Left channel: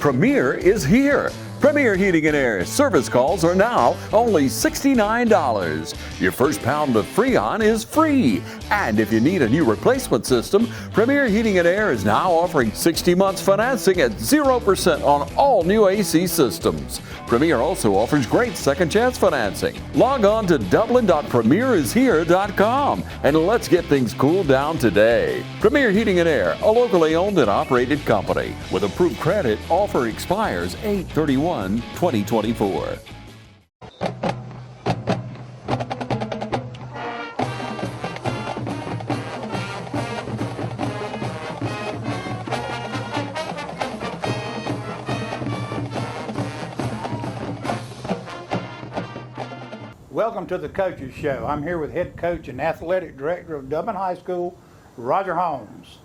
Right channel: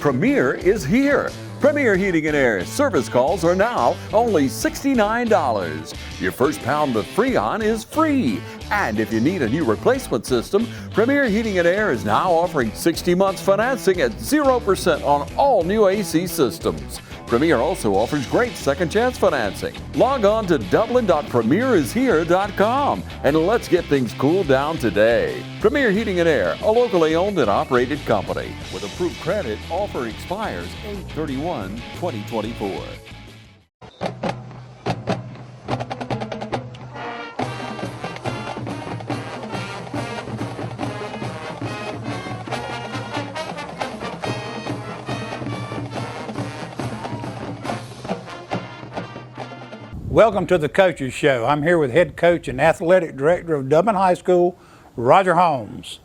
Premier is here. Premier Heating and Air service calls are now only $69. Your first pound of Freon is free. And if you need a new replacement system, Premier Heating and Air is now offering 60 months financing at 0% on all new AC systems. Premier also offers great second chance financing. Log on to dublin.premierishere.com and let's get things cooled down today. Premier Heating and Air, a locally owned and operated company. With approved credit, offer expires 8/31/2024. Welcome to the Coaches Show. I'm here with head coach and athletic director of Dublin High School, Roger Holmes.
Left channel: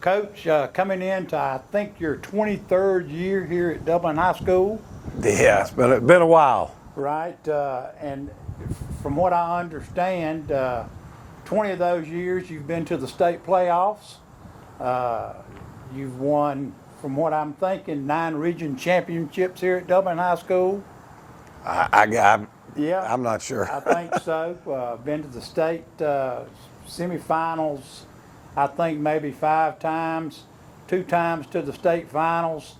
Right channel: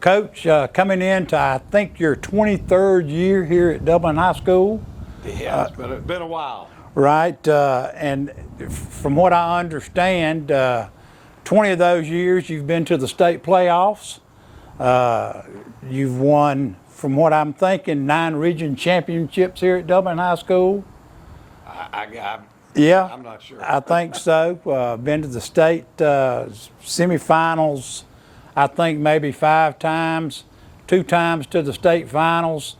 Coach, coming into, I think, your 23rd year here at Dublin High School. Yeah, it's been a while. Right, and from what I understand, 20 of those years you've been to the state playoffs. You've won, from what I'm thinking, 9 region championships here at Dublin High School. Yeah, I'm not sure. I think so. Been to the state semifinals, I think maybe 5 times, 2 times to the state finals,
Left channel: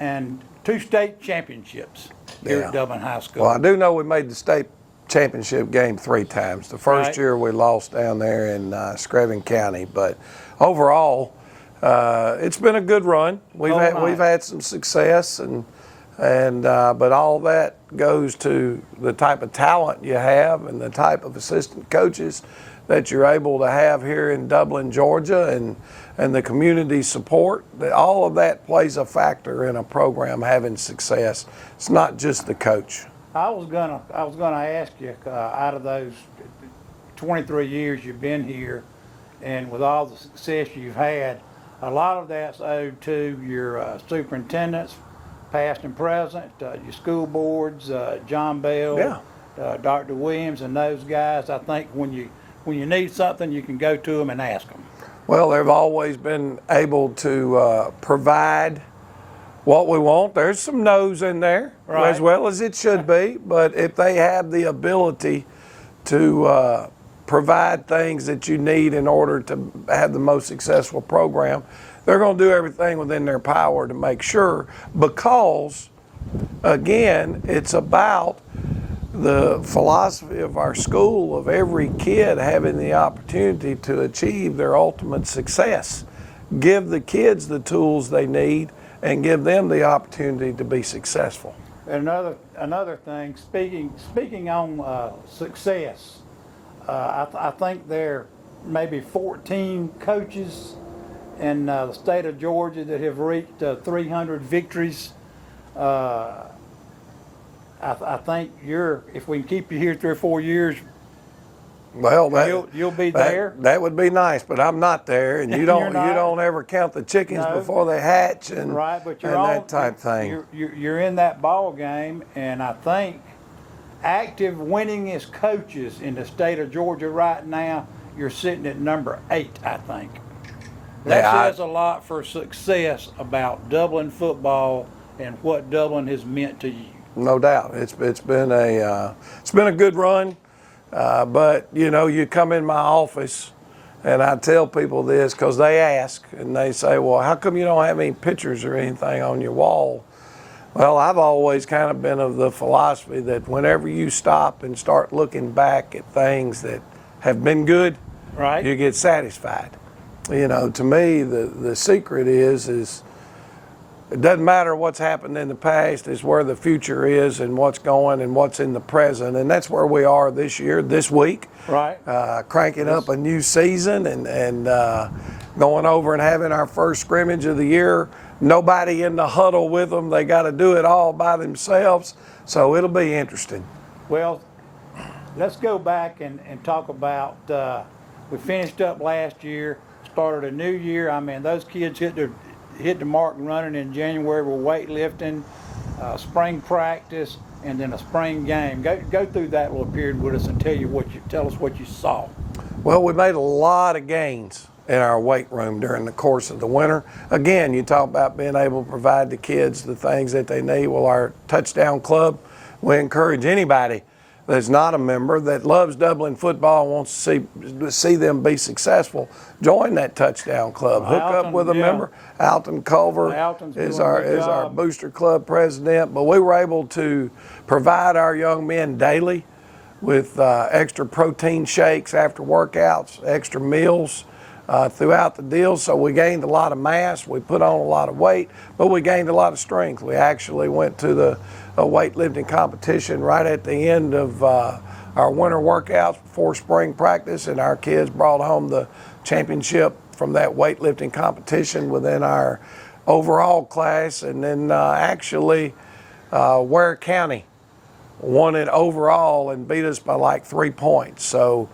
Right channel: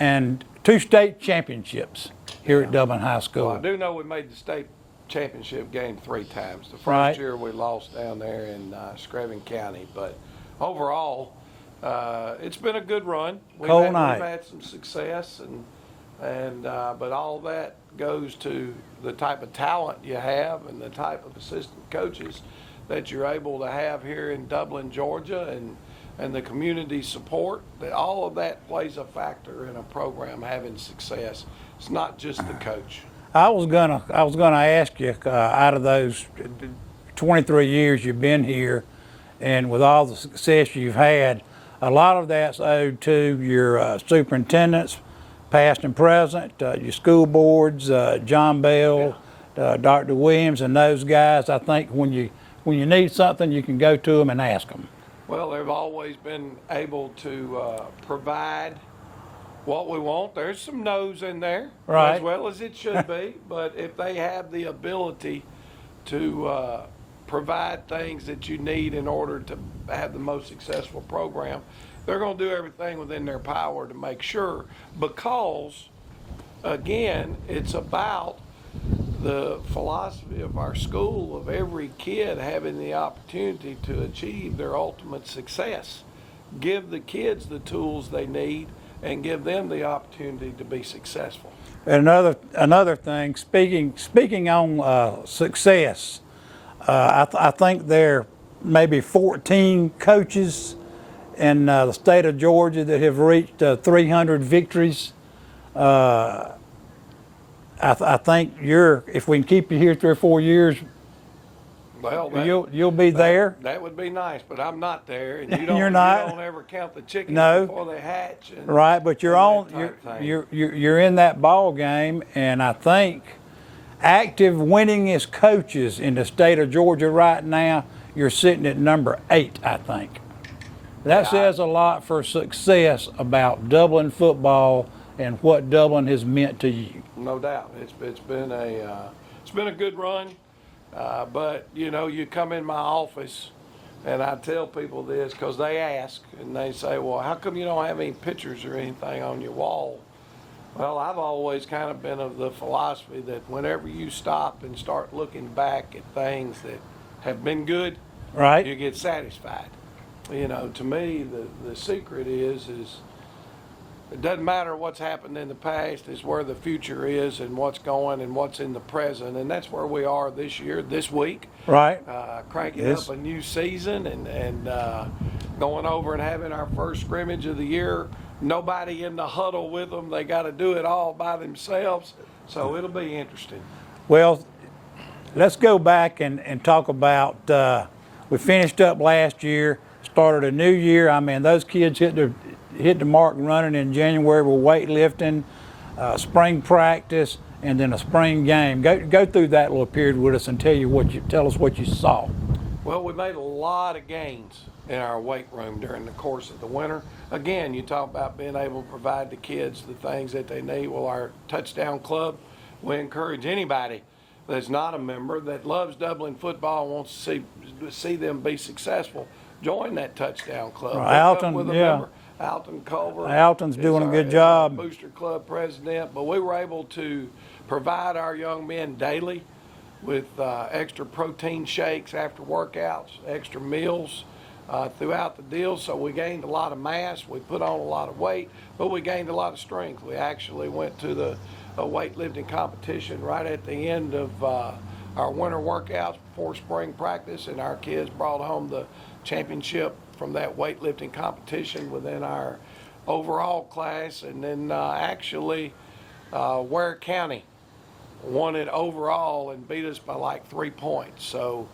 and 2 state championships here at Dublin High School. Well, I do know we made the state championship game 3 times. The first year we lost down there in Screven County, but overall, it's been a good run. We've had some success, but all that goes to the type of talent you have and the type of assistant coaches that you're able to have here in Dublin, Georgia, and the community support. All of that plays a factor in a program having success. It's not just the coach. I was gonna ask you, out of those 23 years you've been here, and with all the success you've had, a lot of that's owed to your superintendents, past and present, your school boards, John Bell, Dr. Williams, and those guys. I think when you need something, you can go to them and ask them. Well, they've always been able to provide what we want. There's some no's in there, as well as it should be, but if they have the ability to provide things that you need in order to have the most successful program, they're going to do everything within their power to make sure, because, again, it's about the philosophy of our school of every kid having the opportunity to achieve their ultimate success. Give the kids the tools they need and give them the opportunity to be successful. And another thing, speaking on success, I think there may be 14 coaches in the state of Georgia that have reached 300 victories. I think if we can keep you here 3 or 4 years, well, you'll be there. That would be nice, but I'm not there, and you don't ever count the chickens before they hatch, and but you're that type thing. You're in that ball game, and I think active winningest coaches in the state of Georgia right now, you're sitting at number 8, I think. That says a lot for success about Dublin football and what Dublin has meant to you. No doubt, it's been a good run, but you come in my office, and I tell people this because they ask and they say, "Well, how come you don't have any pictures or anything on your wall?" Well, I've always kind of been of the philosophy that whenever you stop and start looking back at things that have been good, you get satisfied. To me, the secret is it doesn't matter what's happened in the past, it's where the future is and what's going and what's in the present. And that's where we are this year, this week. Cranking up a new season and going over and having our first scrimmage of the year. Nobody in the huddle with them. They got to do it all by themselves. So it'll be interesting. Well, let's go back and talk about, we finished up last year, started a new year. I mean, those kids hit the mark running in January with weightlifting, spring practice, and then a spring game. Go through that little period with us and tell us what you saw. Well, we made a lot of gains in our weight room during the course of the winter. Again, you talk about being able to provide the kids the things that they need. Well, our Touchdown Club, we encourage anybody that's not a member that loves Dublin football and wants to see them be successful, join that Touchdown Club. Hook Alton, up with a yeah. member. Alton Culver Alton's doing a good is our job. Booster Club president. But we were able to provide our young men daily with extra protein shakes after workouts, extra meals throughout the deal. So we gained a lot of mass. We put on a lot of weight, but we gained a lot of strength. We actually went to the weightlifting competition right at the end of our winter workouts before spring practice, and our kids brought home the championship from that weightlifting competition within our overall class. And then actually Ware County won it overall and beat us by like 3 points. So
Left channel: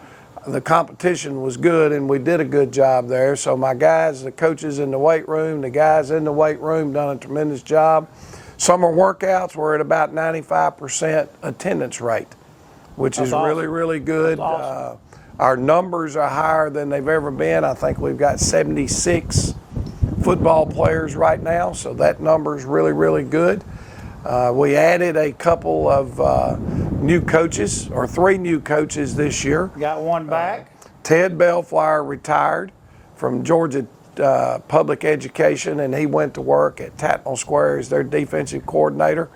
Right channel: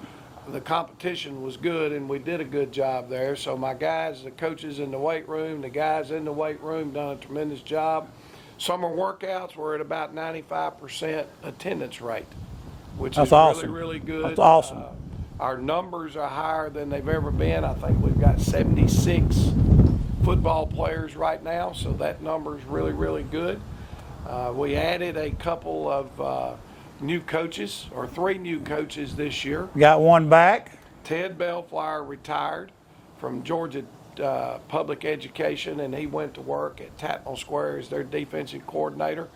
the competition was good and we did a good job there. So my guys, the coaches in the weight room, the guys in the weight room done a tremendous job. Summer workouts were at about 95% attendance rate, which That's is awesome. really good. That's awesome. Our numbers are higher than they've ever been. I think we've got 76 football players right now, so that number is really good. We added a couple of new coaches, or 3 new coaches this year. Got one back. Ted Bellflower retired from Georgia Public Education, and he went to work at Tatnall Square as their defensive coordinator.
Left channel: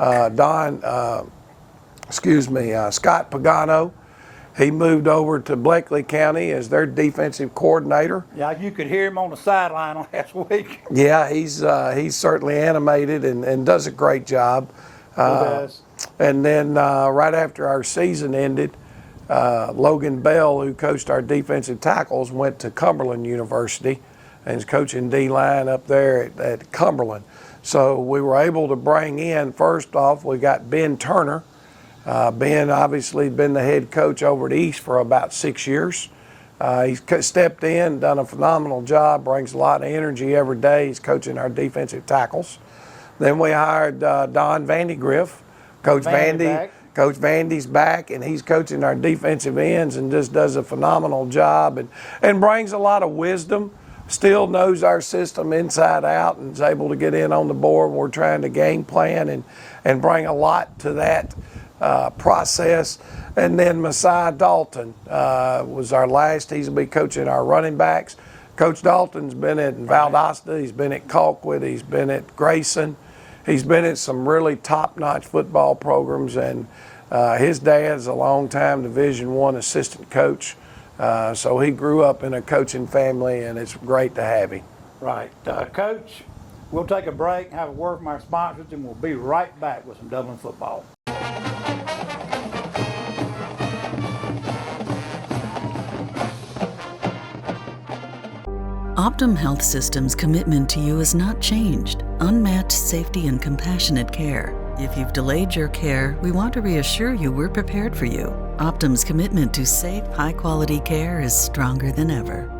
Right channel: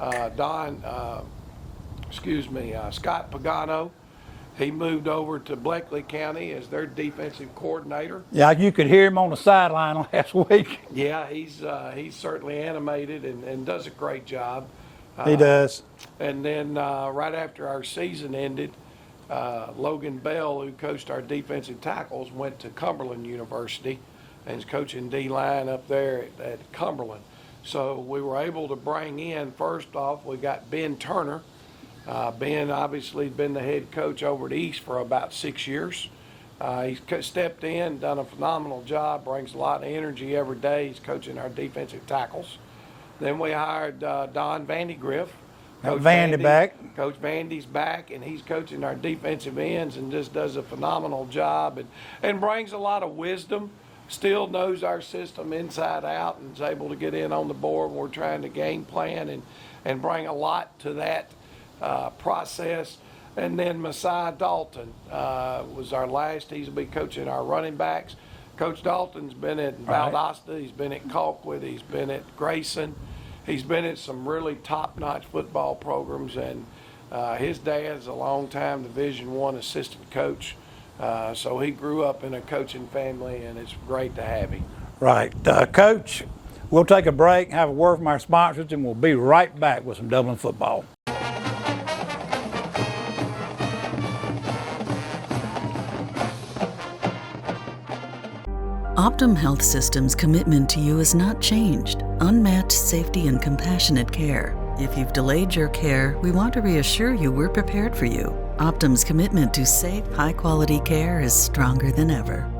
Scott Pagano, he moved over to Bleckley County as their defensive coordinator. Yeah, you could hear him on the sideline last week. Yeah, he's certainly animated and does a great job. He does. And then right after our season ended, Logan Bell, who coached our defensive tackles, went to Cumberland University and is coaching D-line up there at Cumberland. So we were able to bring in, first off, we got Ben Turner. Ben obviously been the head coach over at East for about 6 years. He's stepped in, done a phenomenal job, brings a lot of energy every day. He's coaching our defensive tackles. Then we hired Don Vandegrift. Coach Vandy's back, and he's coaching our defensive ends and just does a phenomenal job and brings a lot of wisdom. Still knows our system inside out and is able to get in on the board. We're trying to game plan and bring a lot to that process. And then Messiah Dalton was our last. He's going to be coaching our running backs. Coach Dalton's been at Valdosta. He's been at Colquitt. He's been at Grayson. He's been at some really top-notch football programs, and his dad's a long-time Division I assistant coach. So he grew up in a coaching family, and it's great to have him. Right. Coach, we'll take a break, have a word from our sponsors, and we'll be right back with some Dublin football. Optum Health System's commitment to you has not changed. Unmatched safety and compassionate care. If you've delayed your care, we want to reassure you we're prepared for you. Optum's commitment to safe, high-quality care is stronger than ever.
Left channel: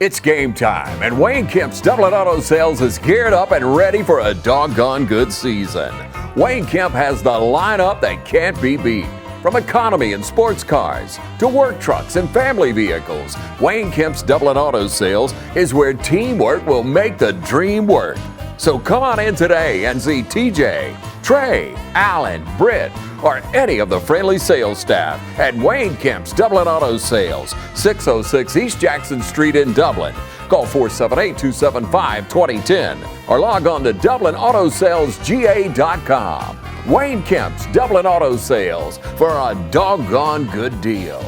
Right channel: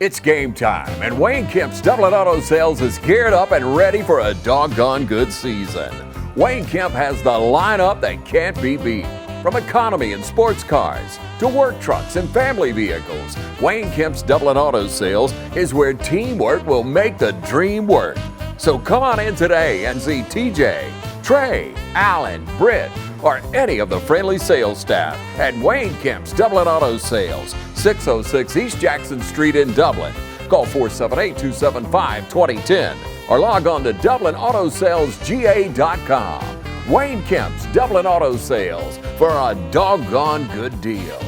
It's game time, and Wayne Kemp's Dublin Auto Sales is geared up and ready for a doggone good season. Wayne Kemp has the lineup that can't be beat. From economy and sports cars to work trucks and family vehicles, Wayne Kemp's Dublin Auto Sales is where teamwork will make the dream work. So come on in today and see TJ, Trey, Alan, Britt, or any of the friendly sales staff at Wayne Kemp's Dublin Auto Sales, 606 East Jackson Street in Dublin. Call 478-275-2010 or log on to DublinAutoSalesGA.com. Wayne Kemp's Dublin Auto Sales for a doggone good deal.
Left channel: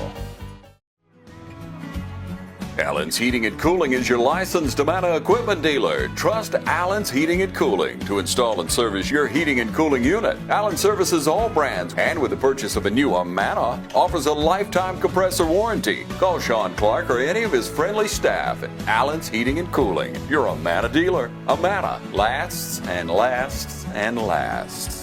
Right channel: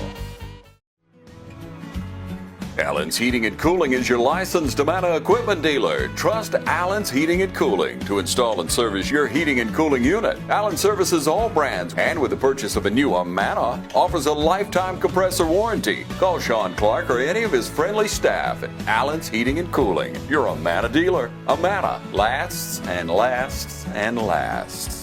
Allen's Heating and Cooling is your licensed Amana equipment dealer. Trust Allen's Heating and Cooling to install and service your heating and cooling unit. Allen services all brands, and with the purchase of a new Amana, offers a lifetime compressor warranty. Call Sean Clark or any of his friendly staff at Allen's Heating and Cooling, your Amana dealer. Amana lasts and lasts and lasts.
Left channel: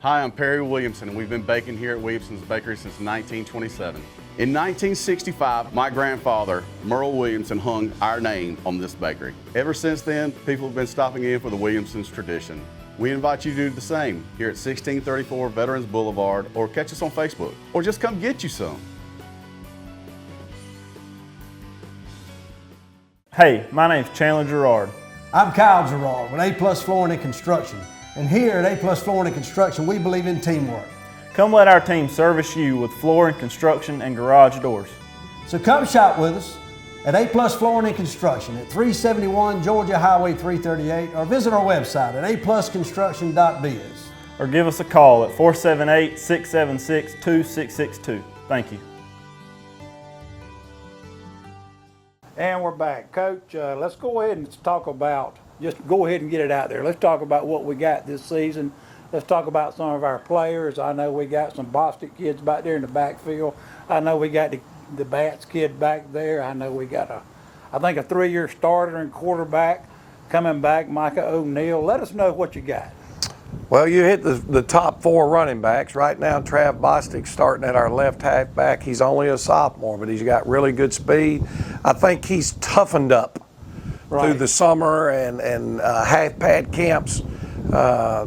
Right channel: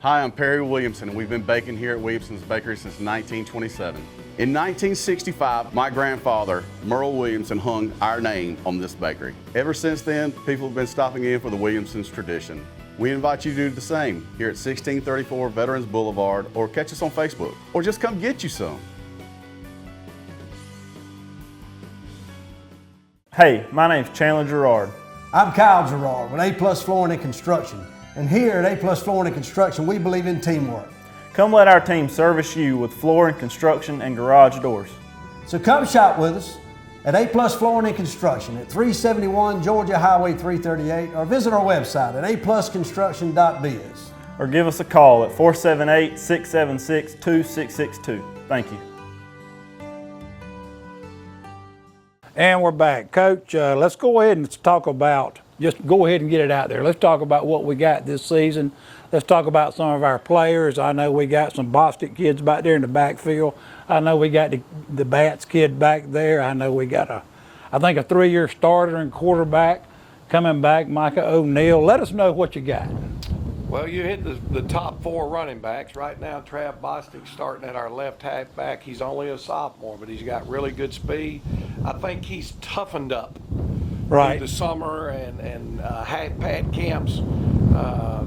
Hi, I'm Perry Williamson, and we've been baking here at Williamson's Bakery since 1927. In 1965, my grandfather, Merle Williamson, hung our name on this bakery. Ever since then, people have been stopping in for the Williamson's tradition. We invite you to do the same here at 1634 Veterans Boulevard, or catch us on Facebook, or just come get you some. Hey, my name's Chandler Gerard. I'm Kyle Gerard with A+ Flooring and Construction. And here at A+ Flooring and Construction, we believe in teamwork. Come let our team service you with flooring, construction, and garage doors. So come shop with us at A+ Flooring and Construction at 371 Georgia Highway 338 or visit our website at aplusconstruction.biz. Or give us a call at 478-676-2662. Thank you. And we're back. Coach, let's go ahead and talk about, just go ahead and get it out there. Let's talk about what we got this season. Let's talk about some of our players. I know we got some Bostic kids back there in the backfield. I know we got the Bats kid back there. I know we got I think a 3-year starter and quarterback coming back, Micah O'Neal. Let us know what you got. Well, you hit the top 4 running backs. Right now, Trav Bostic's starting at our left halfback. He's only a sophomore, but he's got really good speed. I think he's toughened up through the summer and half-pad camps.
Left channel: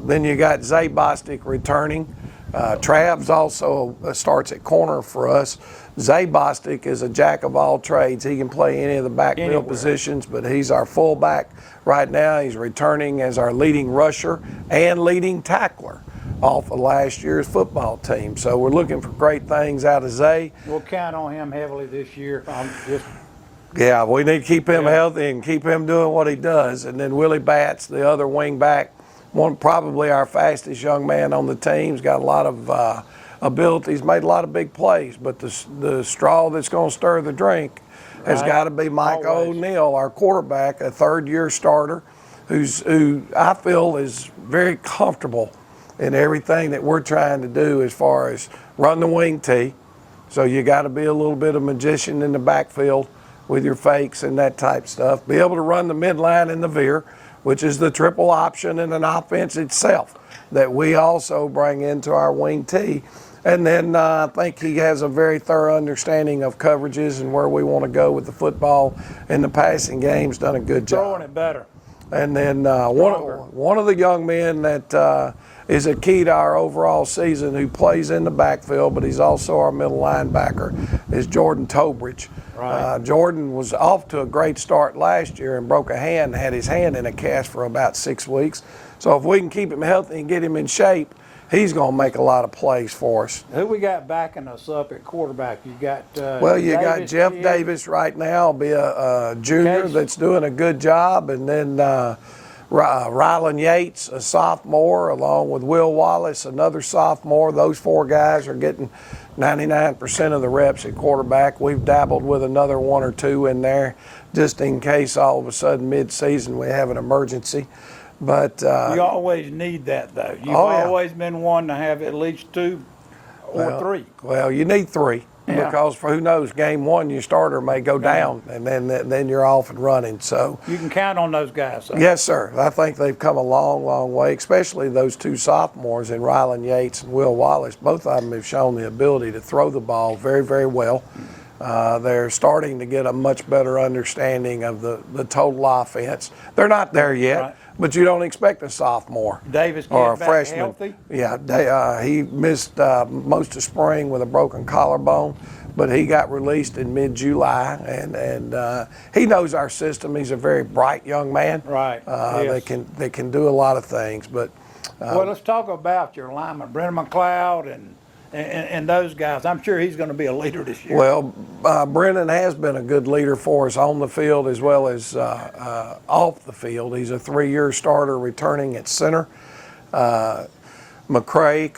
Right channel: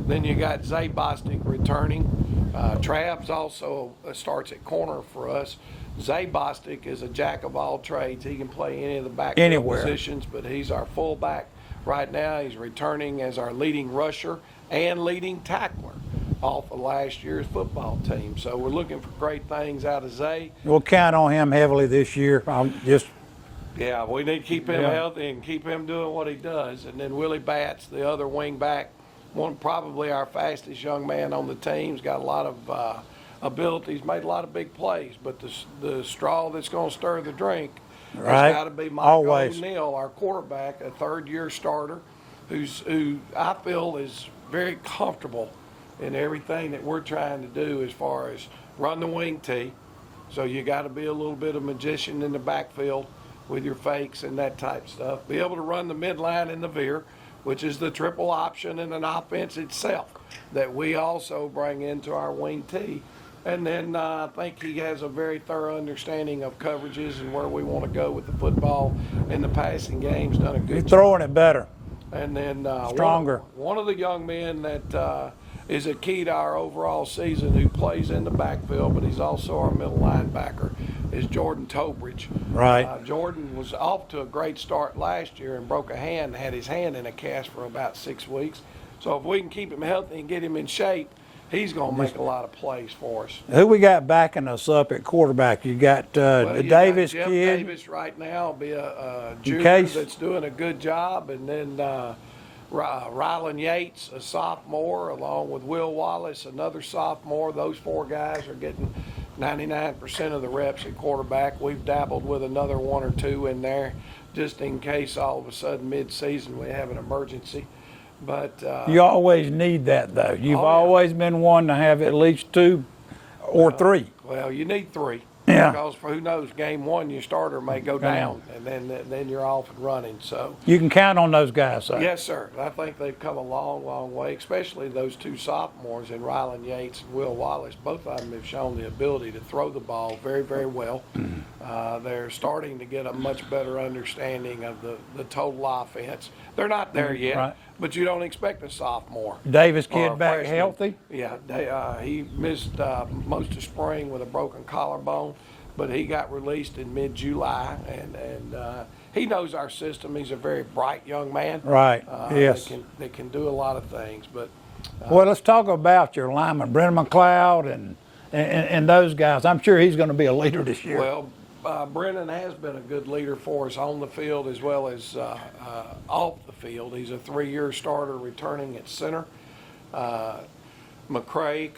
Then you got Zay Bostic returning. Trav's also starts at corner for us. Zay Bostic is a jack of all trades. He can play any of the backfield positions, but he's our fullback right now. He's returning as our leading rusher and leading tackler off of last year's football team. So we're looking for great things out of Zay. We'll count on him heavily this year. Yeah, we need to keep him healthy and keep him doing what he does. And then Willie Batts, the other wing back, probably our fastest young man on the team. He's got a lot of abilities, made a lot of big plays, but the straw that's going to stir the drink has got to be Mike O'Neal, our quarterback, a 3rd-year starter, who I feel is very comfortable in everything that we're trying to do as far as run the wing tee. So you got to be a little bit of magician in the backfield with your fakes and that type stuff. Be able to run the midline and the veer, which is the triple option in an offense itself that we also bring into our wing tee. And then I think he has a very thorough understanding of coverages and where we want to go with the football in the passing game's done a good job. Throwing it better. And then stronger. One of the young men that is a key to our overall season who plays in the backfield, but he's also our middle linebacker, is Jordan Tobridge. Right. Jordan was off to a great start last year and broke a hand, had his hand in a cast for about 6 weeks. So if we can keep him healthy and get him in shape, he's going to make a lot of plays for us. Who we got backing us up at quarterback? You got you Davis got Jeff kid. Davis right now, be a junior that's doing a good job, and then Rylan Yates, a sophomore, along with Will Wallace, another sophomore. Those 4 guys are getting 99% of the reps at quarterback. We've dabbled with another 1 or 2 in there, just in case all of a sudden mid-season we have an emergency. But you always need that, though. You've always been one to have at least 2 or 3. Well, you need 3 because for who knows, game 1 your starter may go down, and then you're off and running. So you can count on those guys. So. Yes, sir. I think they've come a long, long way, especially those 2 sophomores in Rylan Yates and Will Wallace. Both of them have shown the ability to throw the ball very, very well. They're starting to get a much better understanding of the total offense. They're not there yet. Right. But you don't expect a sophomore Davis or a back freshman. Healthy? Yeah, he missed most of spring with a broken collarbone, but he got released in mid-July, and he knows our system. He's a very bright young man. Right. Yes. They can do a lot of things. But well, let's talk about your lineman, Brennan McLeod, and those guys. I'm sure he's going to be a leader this year. Well, Brennan has been a good leader for us on the field as well as off the field. He's a 3-year starter returning at center. Kamari McCray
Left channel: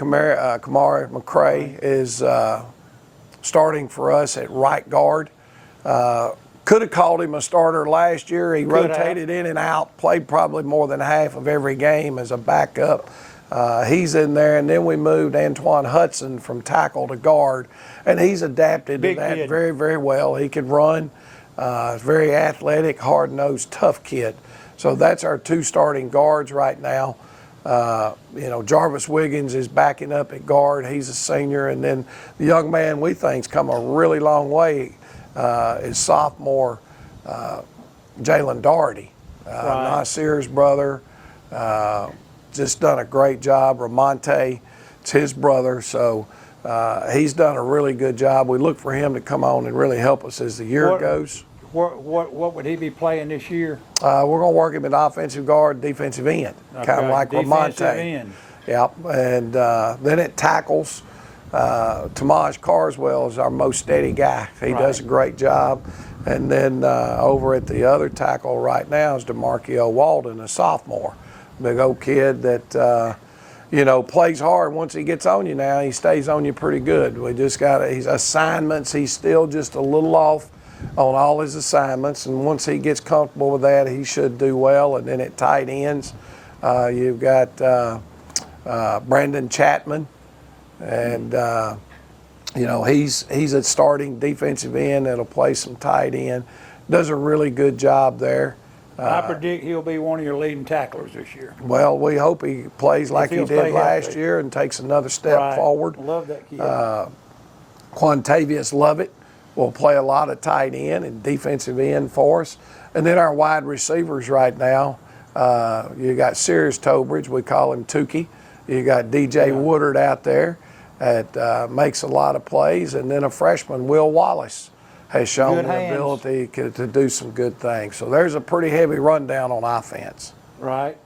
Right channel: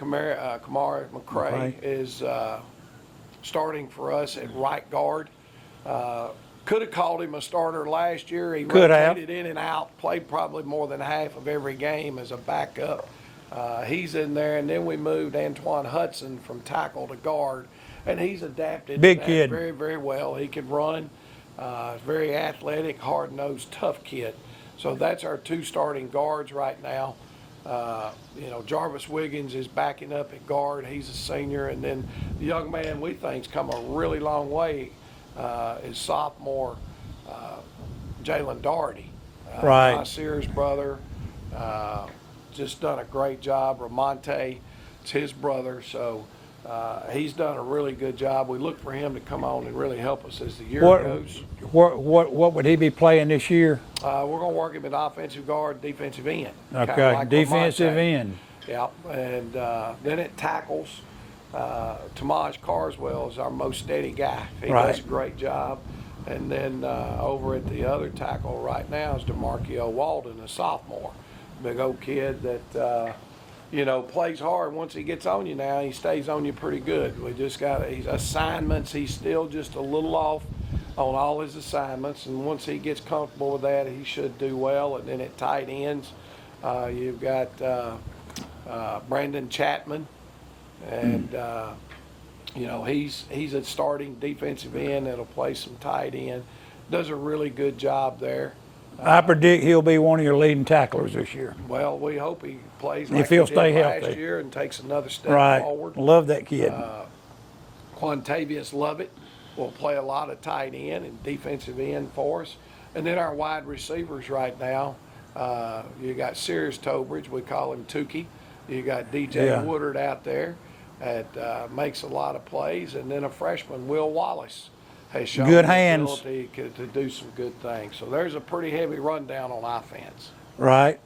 is starting for us at right guard. Could have called him a starter last year. He rotated in and out, played probably more than half of every game as a backup. He's in there, and then we moved Antoine Hudson from tackle to guard, and he's adapted to that very, very well. He can run. He's very athletic, hard-nosed, tough kid. So that's our 2 starting guards right now. Jarvis Wiggins is backing up at guard. He's a senior, and then the young man we think's come a really long way is sophomore Jalen Doherty, Nasir's brother. Just done a great job. Ramonte, it's his brother, so he's done a really good job. We look for him to come on and really help us as the year goes. what would he be playing this year? We're going to work him at offensive guard, defensive end, kind of like defensive Lamonte. end. Yep, and then it tackles. Tamaj Carswell is our most steady guy. He does a great job. And then over at the other tackle right now is DeMarquio Walden, a sophomore. Big old kid that, plays hard. Once he gets on you now, he stays on you pretty good. We just got his assignments. He's still just a little off on all his assignments. And once he gets comfortable with that, he should do well. And then at tight ends, you've got Brandon Chapman. And, he's a starting defensive end that'll play some tight end. Does a really good job there. I predict he'll be one of your leading tacklers this year. Well, we hope he plays like he did last year and takes another step forward. Love that kid. Quantavious Lovett will play a lot of tight end and defensive end for us. And then our wide receivers right now, you got Sirius Tobridge, we call him Tukey. You got DJ Woodard out there that makes a lot of plays. And then a freshman, Will Wallace, has shown the ability to do some good things. So there's a pretty heavy rundown on offense. Right.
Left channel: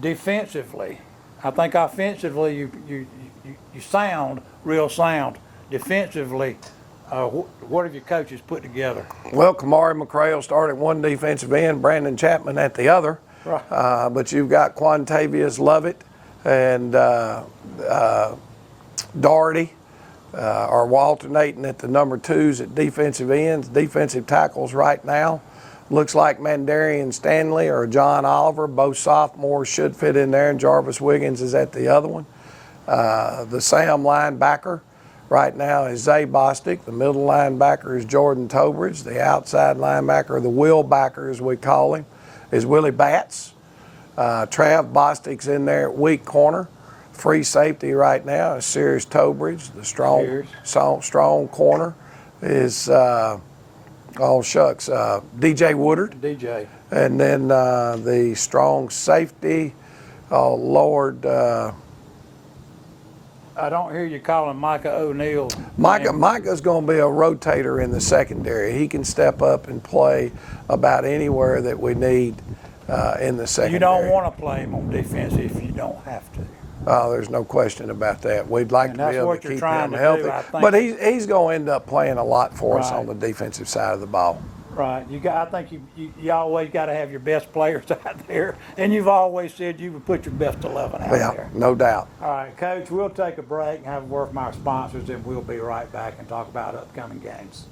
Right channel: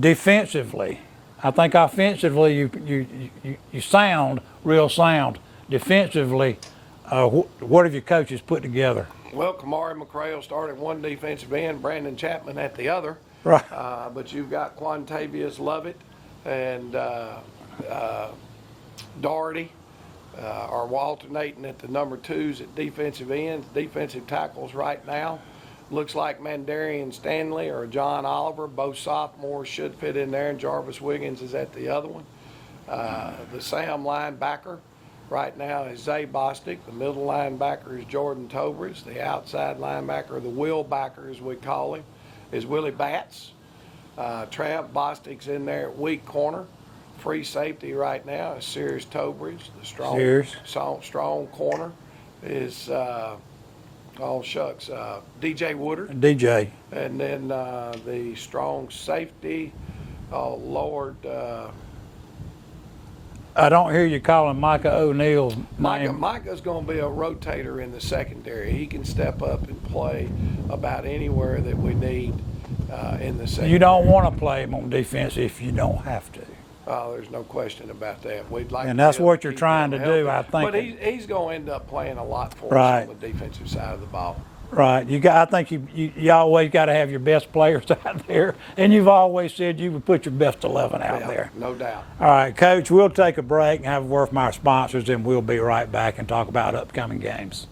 Defensively, I think offensively you sound real sound. Defensively, what have your coaches put together? Well, Kamari McCrail started one defensive end, Brandon Chapman at the other. Right. But you've got Quantavious Lovett and Doherty are alternating at the number twos at defensive ends, defensive tackles right now. Looks like Mandarian Stanley or John Oliver, both sophomores, should fit in there, and Jarvis Wiggins is at the other one. The Sam linebacker right now is Zay Bostic. The middle linebacker is Jordan Tobridge. The outside linebacker, the Will backer as we call him, is Willie Batts. Trav Bostic's in there at weak corner. Free safety right now is Sirius Tobridge. The strong corner is, DJ Woodard. DJ. And then the strong safety, I don't hear you calling Micah O'Neal. Micah's going to be a rotator in the secondary. He can step up and play about anywhere that we need in the secondary. You don't want to play him on defense if you don't have to. Oh, there's no question about that. We'd like and to that's be able what to you're keep trying him to healthy. do, I think. But he's going to end up playing a lot for us on the defensive side of the ball. Right. I think you always got to have your best players out there, and you've always said you would put your best 11 out there. No doubt. All right, Coach, we'll take a break and have a word from our sponsors, and we'll be right back and talk about upcoming games.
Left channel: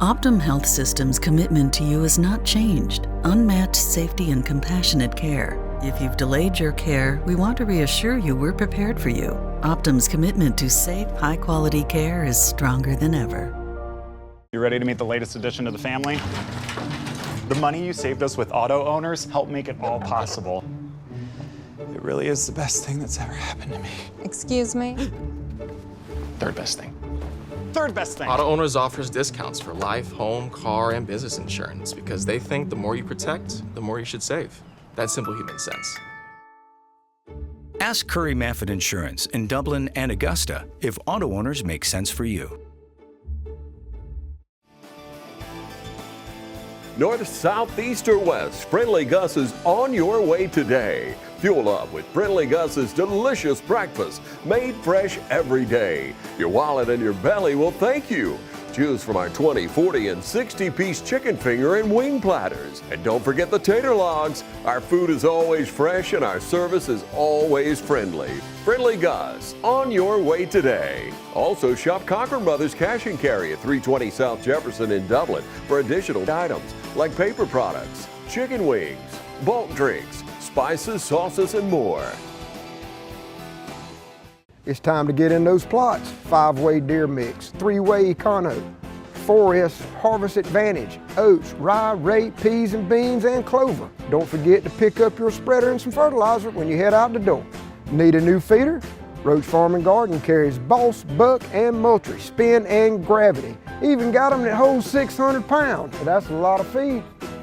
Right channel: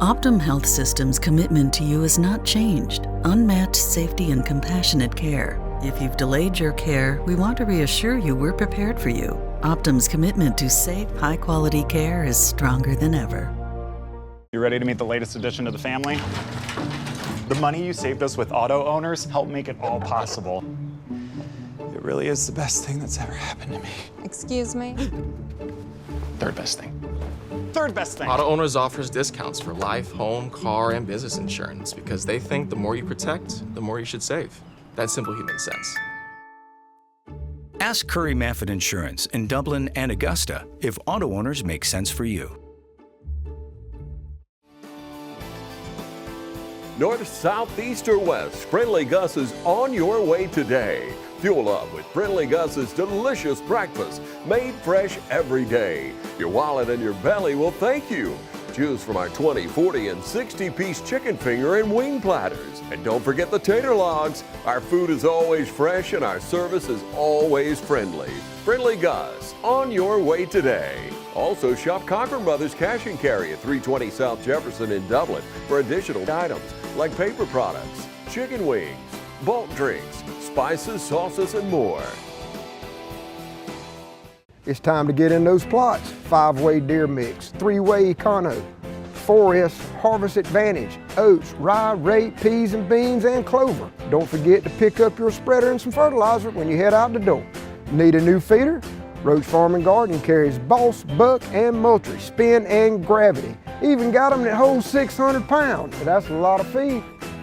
Optum Health System's commitment to you has not changed. Unmatched safety and compassionate care. If you've delayed your care, we want to reassure you we're prepared for you. Optum's commitment to safe, high-quality care is stronger than ever. You ready to meet the latest addition to the family? The money you saved us with auto owners helped make it all possible. It really is the best thing that's ever happened to me. Excuse me? Third best thing. Third best thing. Auto Owners offers discounts for life, home, car, and business insurance because they think the more you protect, the more you should save. That's simple human sense. Ask Curry Maffett Insurance in Dublin and Augusta if auto owners make sense for you. North, south, east, or west, Friendly Gus is on your way today. Fuel up with Friendly Gus's delicious breakfast, made fresh every day. Your wallet and your belly will thank you. Choose from our 20, 40, and 60-piece chicken finger and wing platters. And don't forget the tater logs. Our food is always fresh and our service is always friendly. Friendly Gus, on your way today. Also shop Cochran Brothers Cash and Carry at 320 South Jefferson in Dublin for additional items like paper products, chicken wings, bulk drinks, spices, sauces, and more. It's time to get in those plots. 5-way deer mix, 3-way Econo, 4S Harvest Advantage, oats, rye, rape, peas and beans, and clover. Don't forget to pick up your spreader and some fertilizer when you head out the door. Need a new feeder? Roach Farm and Garden carries Boss, Buck, and Moultrie, Spin, and Gravity. Even got them that hold 600 pounds. That's a lot of feed.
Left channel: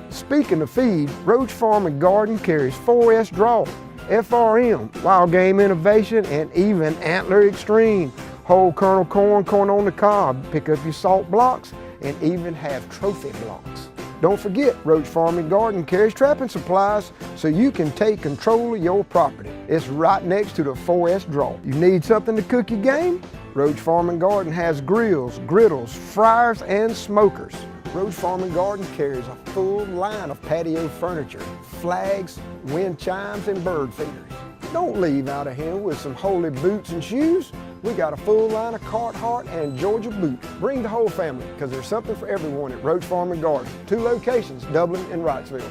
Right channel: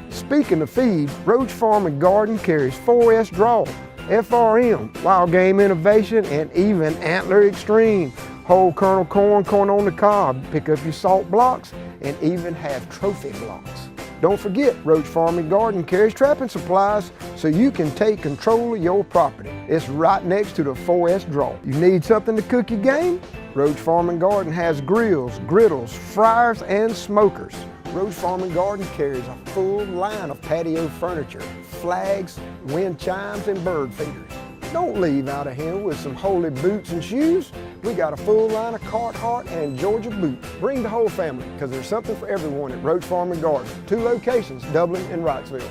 Speaking of feed, Roach Farm and Garden carries 4S Draw, FRM, Wild Game Innovation, and even Antler Extreme. Whole kernel corn, corn on the cob. Pick up your salt blocks and even have trophy blocks. Don't forget, Roach Farm and Garden carries trapping supplies so you can take control of your property. It's right next to the 4S draw. You need something to cook your game? Roach Farm and Garden has grills, griddles, fryers, and smokers. Roach Farm and Garden carries a full line of patio furniture, flags, wind chimes, and bird feeders. Don't leave out of here with some holy boots and shoes. We got a full line of Carhartt and Georgia boots. Bring the whole family, because there's something for everyone at Roach Farm and Garden. 2 locations, Dublin and Wrightsville.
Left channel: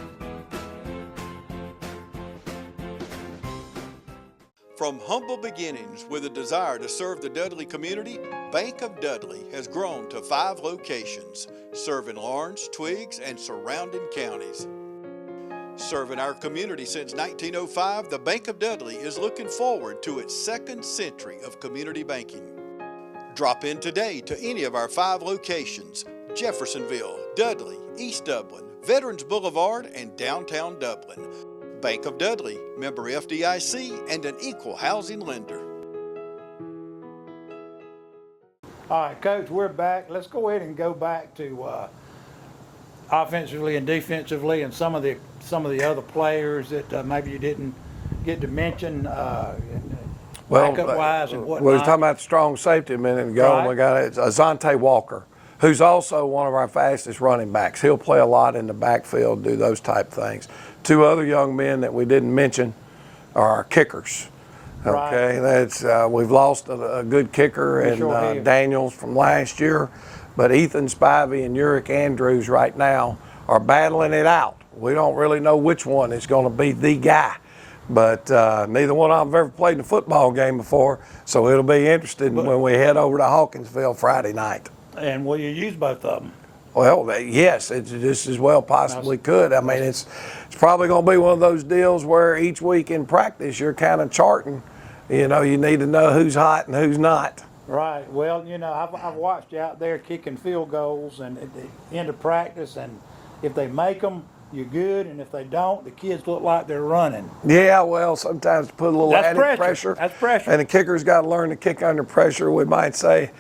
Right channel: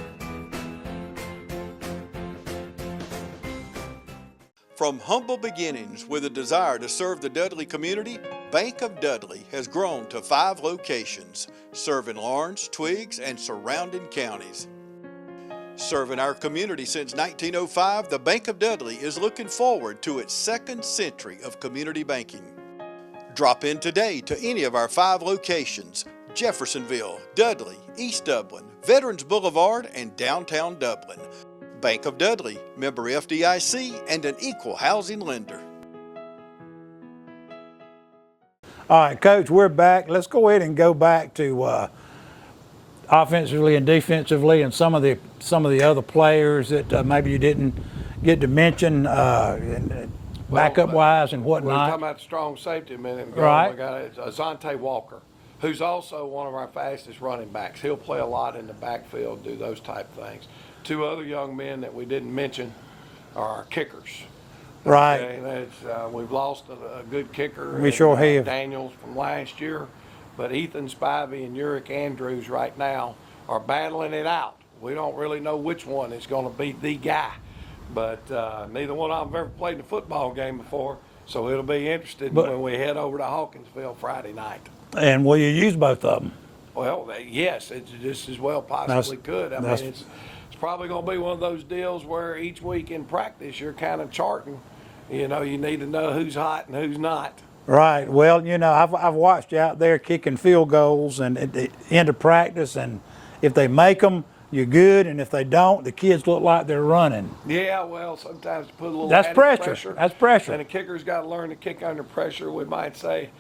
From humble beginnings with a desire to serve the Dudley community, Bank of Dudley has grown to 5 locations, serving Lawrence, Twiggs, and surrounding counties. Serving our community since 1905, the Bank of Dudley is looking forward to its 2nd century of community banking. Drop in today to any of our 5 locations: Jeffersonville, Dudley, East Dublin, Veterans Boulevard, and downtown Dublin. Bank of Dudley, member FDIC, and an equal housing lender. All right, Coach, we're back. Let's go ahead and go back to offensively and defensively, and some of the other players that maybe you didn't get to mention, backup wise and whatnot. We were talking about the strong safety a minute ago. Right. We got Azante Walker, who's also one of our fastest running backs. He'll play a lot in the backfield, do those type things. 2 other young men that we didn't mention are our kickers. Right. Okay, that's we've lost a good kicker We sure have. Daniels from last year, but Ethan Spivey and Uric Andrews right now are battling it out. We don't really know which one is going to be the guy, but neither one of them have ever played in a football game before, so it'll be interesting when we head over to Hawkinsville Friday night. And will you use both of them? Well, yes, it just as well possibly could. I mean, it's probably going to be one of those deals where each week in practice you're kind of charting. You know, you need to know who's hot and who's not. Right. Well, you know, I've watched you out there kicking field goals and at the end of practice, and if they make them, you're good, and if they don't, the kids look like they're running. Yeah, well, sometimes to put a little added pressure. That's pressure. And the kicker's got to learn to kick under pressure. We might say,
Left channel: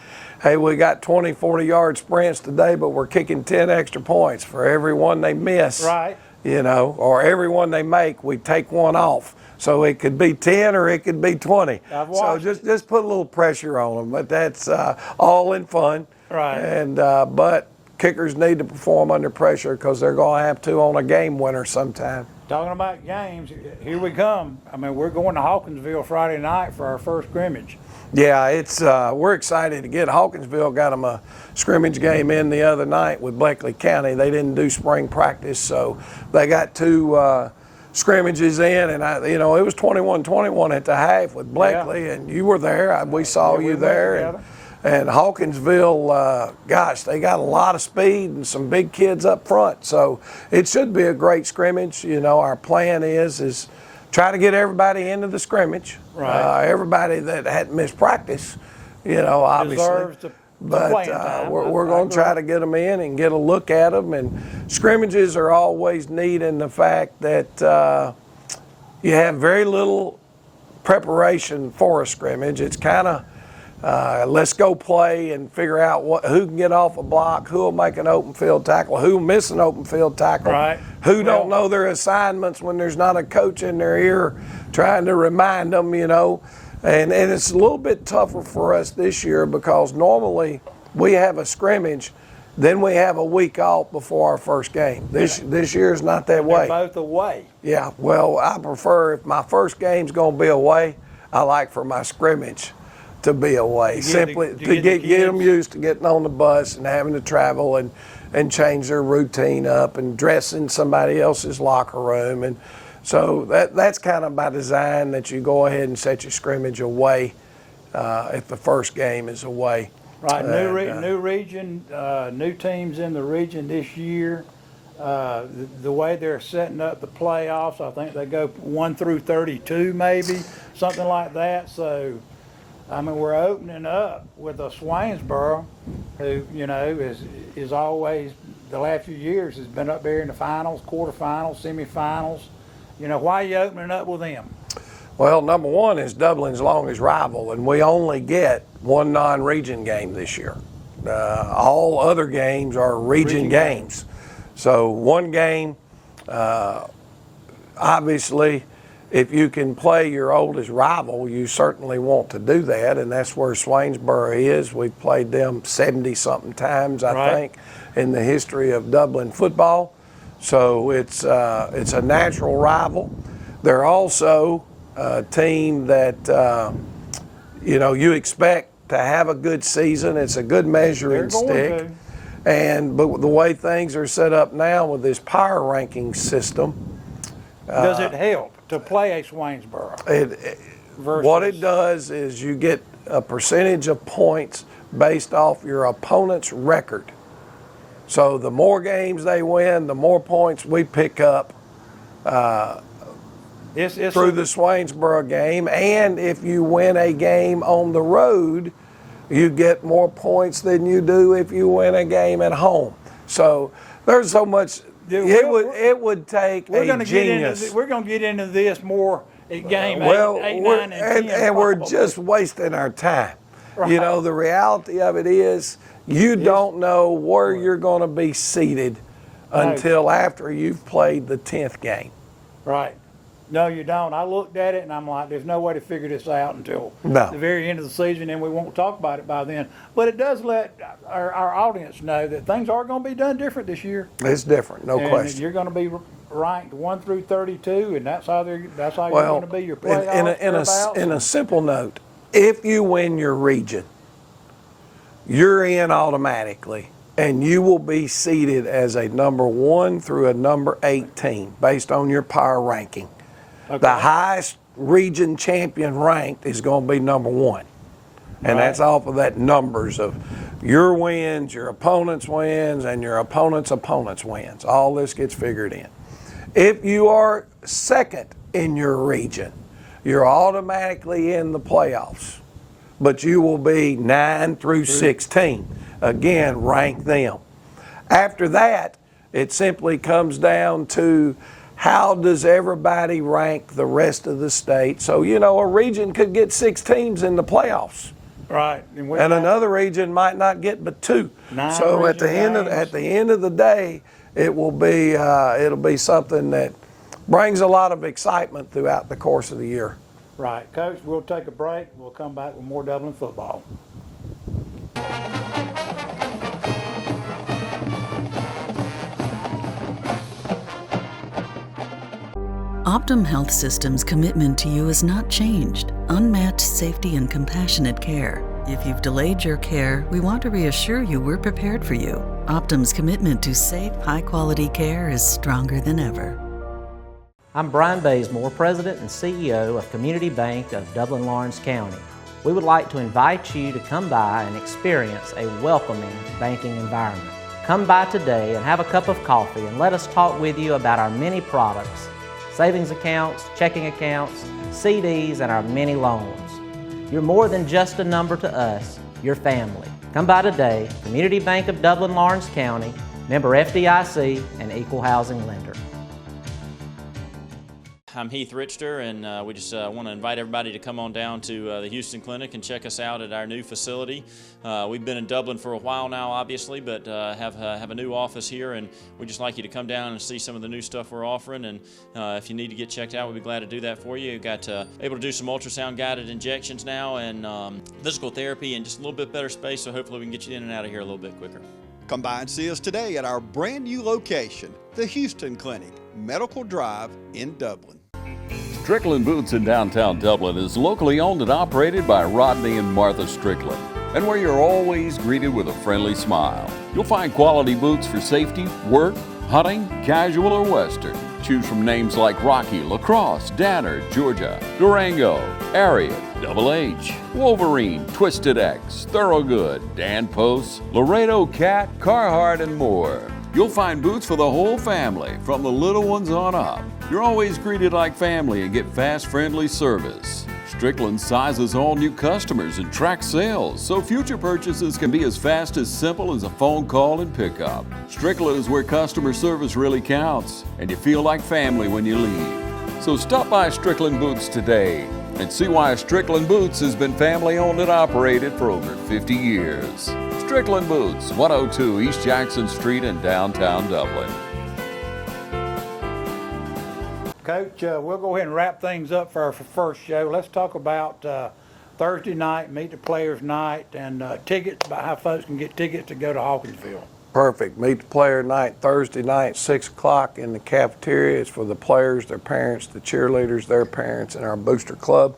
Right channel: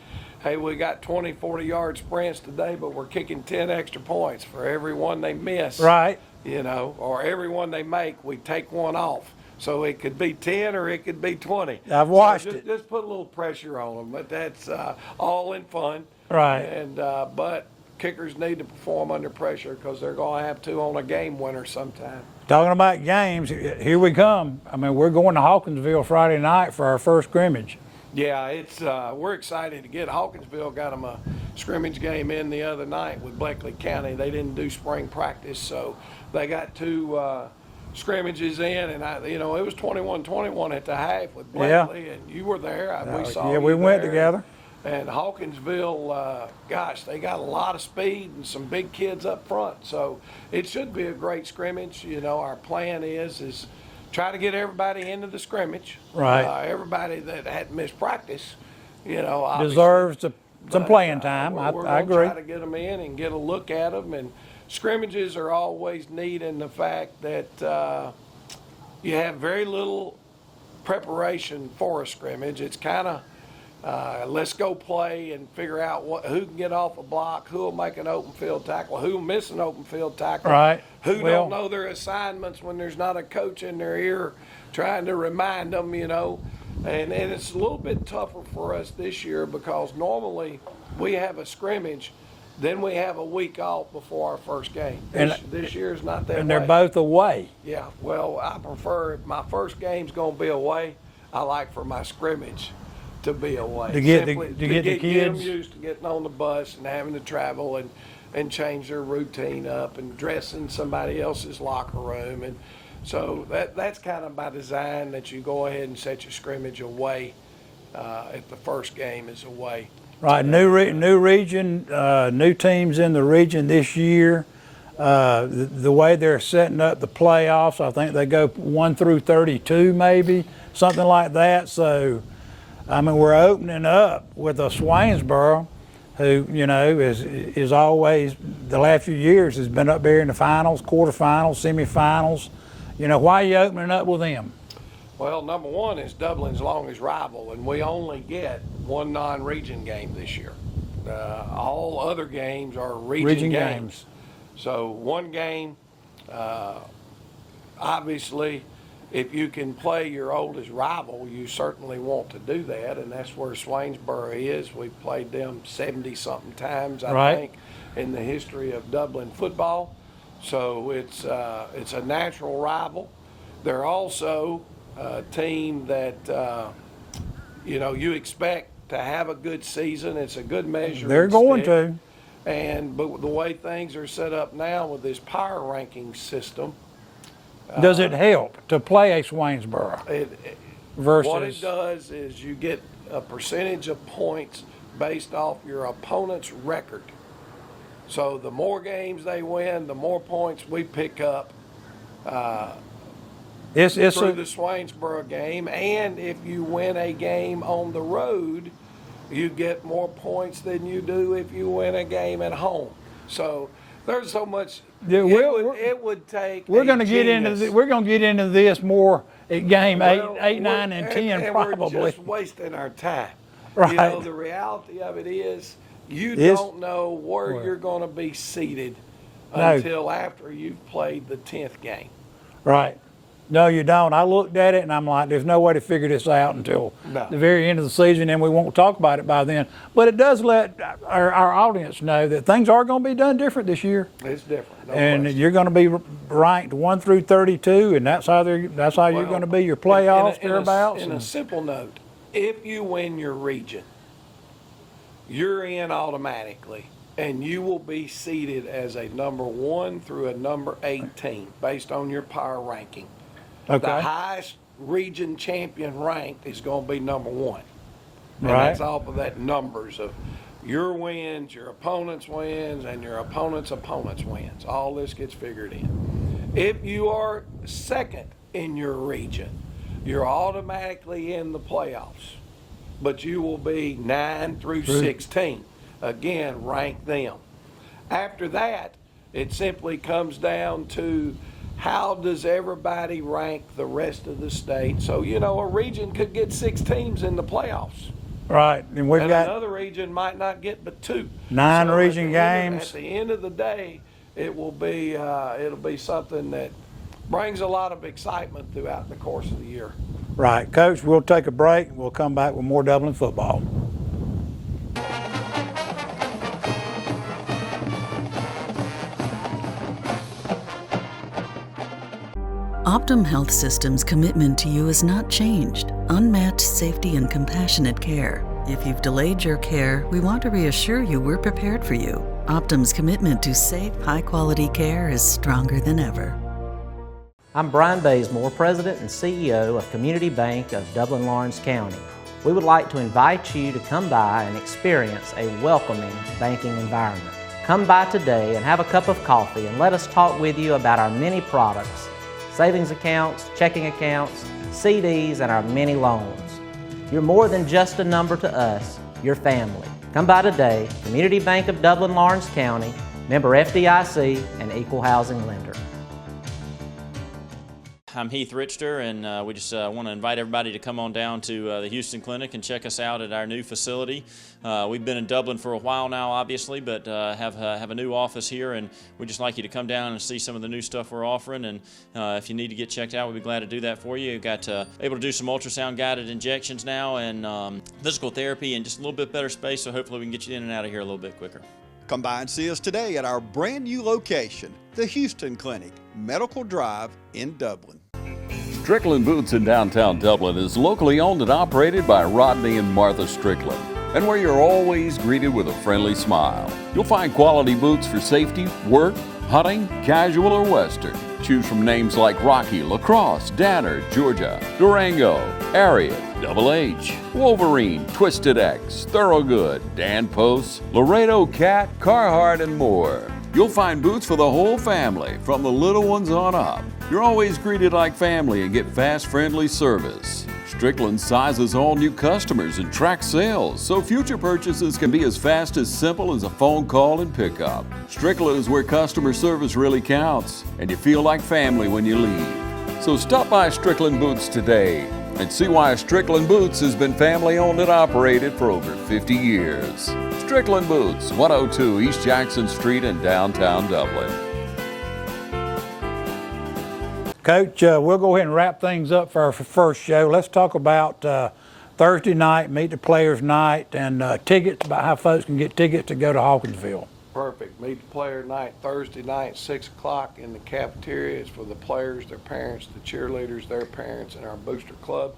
hey, we got 20, 40-yard sprints today, but we're kicking 10 extra points for every one they miss. Right. You know, or every one they make, we take one off. So it could be 10 or it could be 20. I've watched it. Just put a little pressure on them, but that's all in fun. Right. And but kickers need to perform under pressure because they're going to have to on a game winner sometime. Talking about games, here we come. I mean, we're going to Hawkinsville Friday night for our first scrimmage. Yeah, it's we're excited to get Hawkinsville. Got them a scrimmage game in the other night with Bleckley County. They didn't do spring practice, so they got 2 scrimmages in, and it was 21-21 at the half with Bleckley, and you were there. We saw you there. Went together. And Hawkinsville, gosh, they got a lot of speed and some big kids up front, so it should be a great scrimmage. You know, our plan is try to get everybody into the scrimmage. Right. Everybody that hadn't missed practice, you know, obviously deserves the playing time. We're going to try to get them in and get a look at them. And scrimmages are always neat in the fact that you have very little preparation for a scrimmage. It's kind of let's go play and figure out who can get off a block, who will make an open field tackle, who will miss an open field tackle, right. Who don't know their assignments when there's not a coach in their ear trying to remind them, you know. And it's a little bit tougher for us this year because normally we have a scrimmage, then we have a week off before our first game. This year is not that way. They're both away. Yeah, well, I prefer if my first game's going to be away, I like for my scrimmage to be away. Simply to get them used to getting on the bus and having to travel and change their routine up and dress in somebody else's locker room. And so that's kind of by design that you go ahead and set your scrimmage away if the first game is away. Right, new region, new teams in the region this year. The way they're setting up the playoffs, I think they go 1 through 32 maybe, something like that. So, I mean, we're opening up with a Swainsboro who, you know, is always, the last few years has been up there in the finals, quarterfinals, semifinals. You know, why are you opening up with them? Well, number one is Dublin's longest rival, and we only get one non-region game this year. All other games are region games. So one game, obviously, if you can play your oldest rival, you certainly want to do that, and that's where Swainsboro is. We've played them 70-something times, I think, in the history of Dublin football. So it's a natural rival. They're also a team that, you expect to have a good season. It's a good measuring stick. They're going to. But the way things are set up now with this power ranking system, does it help to play a Swainsboro? What it does is you get a percentage of points based off your opponent's record. So the more games they win, the more points we pick up through the Swainsboro game. And if you win a game on the road, you get more points than you do if you win a game at home. So there's so much. It would take a genius. We're going to get into this more at game 8, 9, and 10. And probably. we're just wasting our time. Right. The reality of it is you don't know where you're going to be seated until after you've played the 10th game. Right. No, you don't. I looked at it and I'm like, there's no way to figure this out until the very end of the season, and we won't talk about it by then. But it does let our audience know that things are going to be done different this year. It's different, no and question. You're going to be ranked 1 through 32, and that's how you're going to be your playoffs. In a simple note, if you win your region, you're in automatically, and you will be seated as a number 1 through a number 18 based on your power ranking. Okay. The highest region champion ranked is going to be number 1. And that's off of that numbers of your wins, your opponent's wins, and your opponent's wins. All this gets figured in. If you are second in your region, you're automatically in the playoffs. But you will be 9 through 16. Again, rank them. After that, it simply comes down to how does everybody rank the rest of the state. So, a region could get 6 teams in the playoffs. Right. And another region might not get but 2. 9 so region at the end of the day, it will be it'll be something that brings a lot of excitement throughout the course of the year. Right. Coach, we'll take a break. We'll come back with more Dublin football. Optum Health System's commitment to you has not changed. Unmatched safety and compassionate care. If you've delayed your care, we want to reassure you we're prepared for you. Optum's commitment to safe, high-quality care is stronger than ever. I'm Brian Bazemore, President and CEO of Community Bank of Dublin-Lawrence County. We would like to invite you to come by and experience a welcoming banking environment. Come by today and have a cup of coffee and let us talk with you about our many products, savings accounts, checking accounts, CDs, and our many loans. You're more than just a number to us, you're family. Come by today, Community Bank of Dublin-Lawrence County, member FDIC, and equal housing lender. I'm Heath Richter, and we just want to invite everybody to come on down to the Houston Clinic and check us out at our new facility. We've been in Dublin for a while now, obviously, but have a new office here, and we'd just like you to come down and see some of the new stuff we're offering. And if you need to get checked out, we'd be glad to do that for you. We've got able to do some ultrasound guided injections now, and physical therapy, and just a little bit better space. So hopefully we can get you in and out of here a little bit quicker. Come by and see us today at our brand new location, the Houston Clinic, Medical Drive in Dublin. Strickland Boots in downtown Dublin is locally owned and operated by Rodney and Martha Strickland, and where you're always greeted with a friendly smile. You'll find quality boots for safety, work, hunting, casual, or western. Choose from names like Rocky, Lacrosse, Danner, Georgia, Durango, Ariat, Double H, Wolverine, Twisted X, Thorogood, Dan Post, Laredo Cat, Carhartt, and more. You'll find boots for the whole family, from the little ones on up. You're always greeted like family and get fast, friendly service. Strickland sizes all new customers and tracks sales, so future purchases can be as fast as simple as a phone call and pickup. Strickland is where customer service really counts, and you feel like family when you leave. So stop by Strickland Boots today and see why Strickland Boots has been family owned and operated for over 50 years. Strickland Boots, 102 East Jackson Street in downtown Dublin. Coach, we'll go ahead and wrap things up for our first show. Let's talk about Thursday night, Meet the Players night, and tickets, about how folks can get tickets to go to Hawkinsville. Perfect. Meet the Player night, Thursday night, 6 o'clock in the cafeteria. It's for the players, their parents, the cheerleaders, their parents, and our booster club.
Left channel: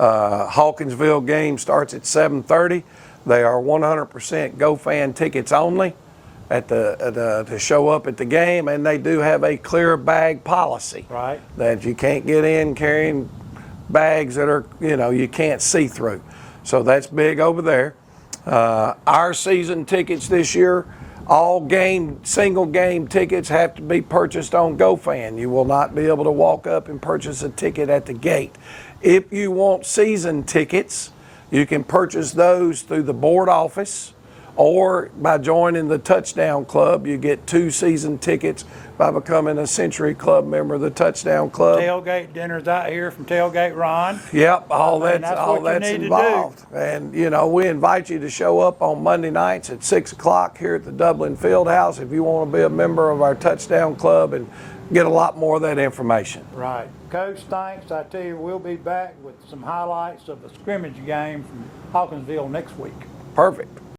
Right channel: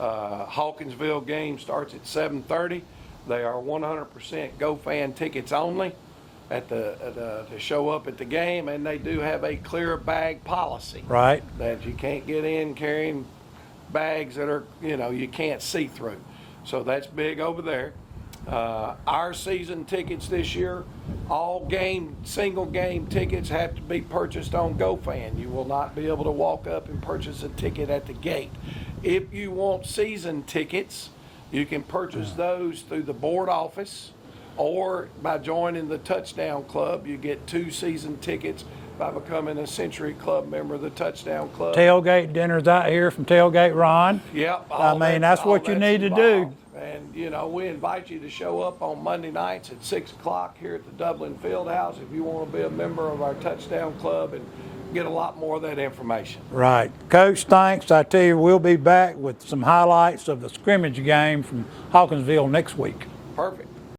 Hawkinsville game starts at 7:30. They are 100% GoFan tickets only to show up at the game, and they do have a clear bag policy. Right. That you can't get in carrying bags that are, you can't see through. So that's big over there. Our season tickets this year, all single game tickets have to be purchased on GoFan. You will not be able to walk up and purchase a ticket at the gate. If you want season tickets, you can purchase those through the board office, or by joining the Touchdown Club. You get 2 season tickets by becoming a Century Club member of the Touchdown Club. Tailgate dinners out here from Tailgate Ron. Yep, that's what you need involved. to do. And we invite you to show up on Monday nights at 6 o'clock here at the Dublin Fieldhouse if you want to be a member of our Touchdown Club and get a lot more of that information. Right. Coach, thanks. I tell you, we'll be back with some highlights of the scrimmage game from Hawkinsville next week. Perfect.